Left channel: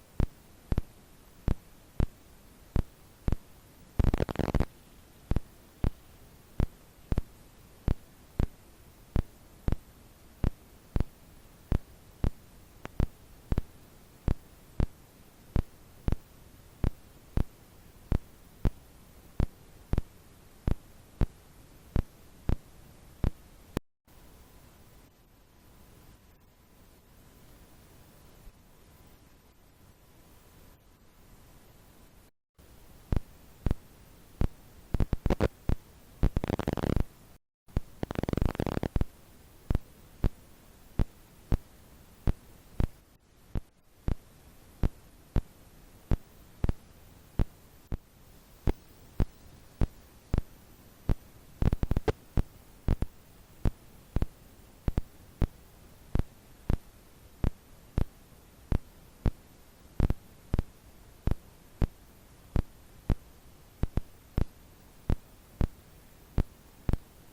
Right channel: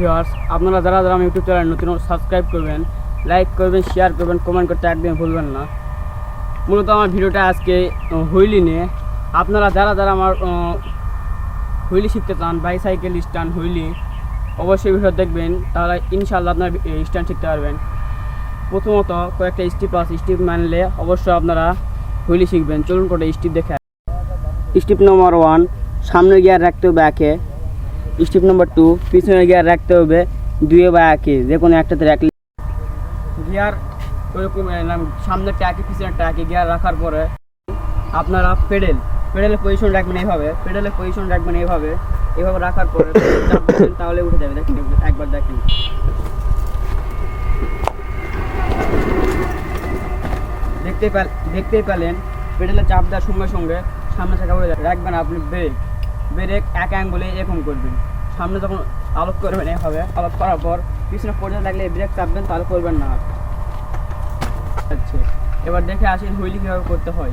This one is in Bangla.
ভিউয়ার্স, আপনারা যারা যারা আমার ইউটিউব চ্যানেল নতুন সাবস্ক্রাইব করবেন, লাইক করবেন, শেয়ার করবেন, কমেন্ট করতে একদম ভুলবেন না। মূলত আমার ভিডিওটা আজকে হুইলি নিয়ে। আপনারা যারা যারা আমার হুইলি শিখতে চান, বাইসাইকেল স্ট্যান্ড হুইলি, অবশ্যই ভিডিও দেখবেন, তাহলে ইনশাআল্লাহ আপনার স্ট্যান্ড শিখতে পারবেন। প্রথমত কয়েকটা স্টেপ আছে, স্টেপ মানলে অবশ্যই আপনারা হুইলি শিখবেন। চলুন করে স্টেপ দেখে। স্টেপ নম্বর 1, সামনের গিয়ার রাখতে হবে 1-এ। স্টেপ নম্বর 2, পিছনের গিয়ার রাখতে হবে 2-এ বা 1-এ, যে কোনো একটাতে রাখলে গিয়ার ওইরকম সামনের ট্যাকে পিছনের ট্যাকে গিয়ার রাখার পরে আপনারা পেডেলের পজিশন রাখবেন এইভাবে, এইভাবে রাখার পরে তাহলে উঠে যাবে। দেখুন, একবার দেখুন, দেখতেই পেলেন পেডেলে চাপ দেওয়ার সঙ্গে সঙ্গে সামনে চাকা উঠে যাবে। রাখবেন আপনি ব্রেক এক অ্যাঙ্গলে এরকম করবেন। সামনে যখন আলোক করবেন এইভাবে, আলোক করার পর পিছনে পড়ে লাগলে ব্রেক চাপবেন, তাহলে করবেন না। আচ্ছা, এবার দেখে আসেন হুইলি কীভাবে করতে হয়।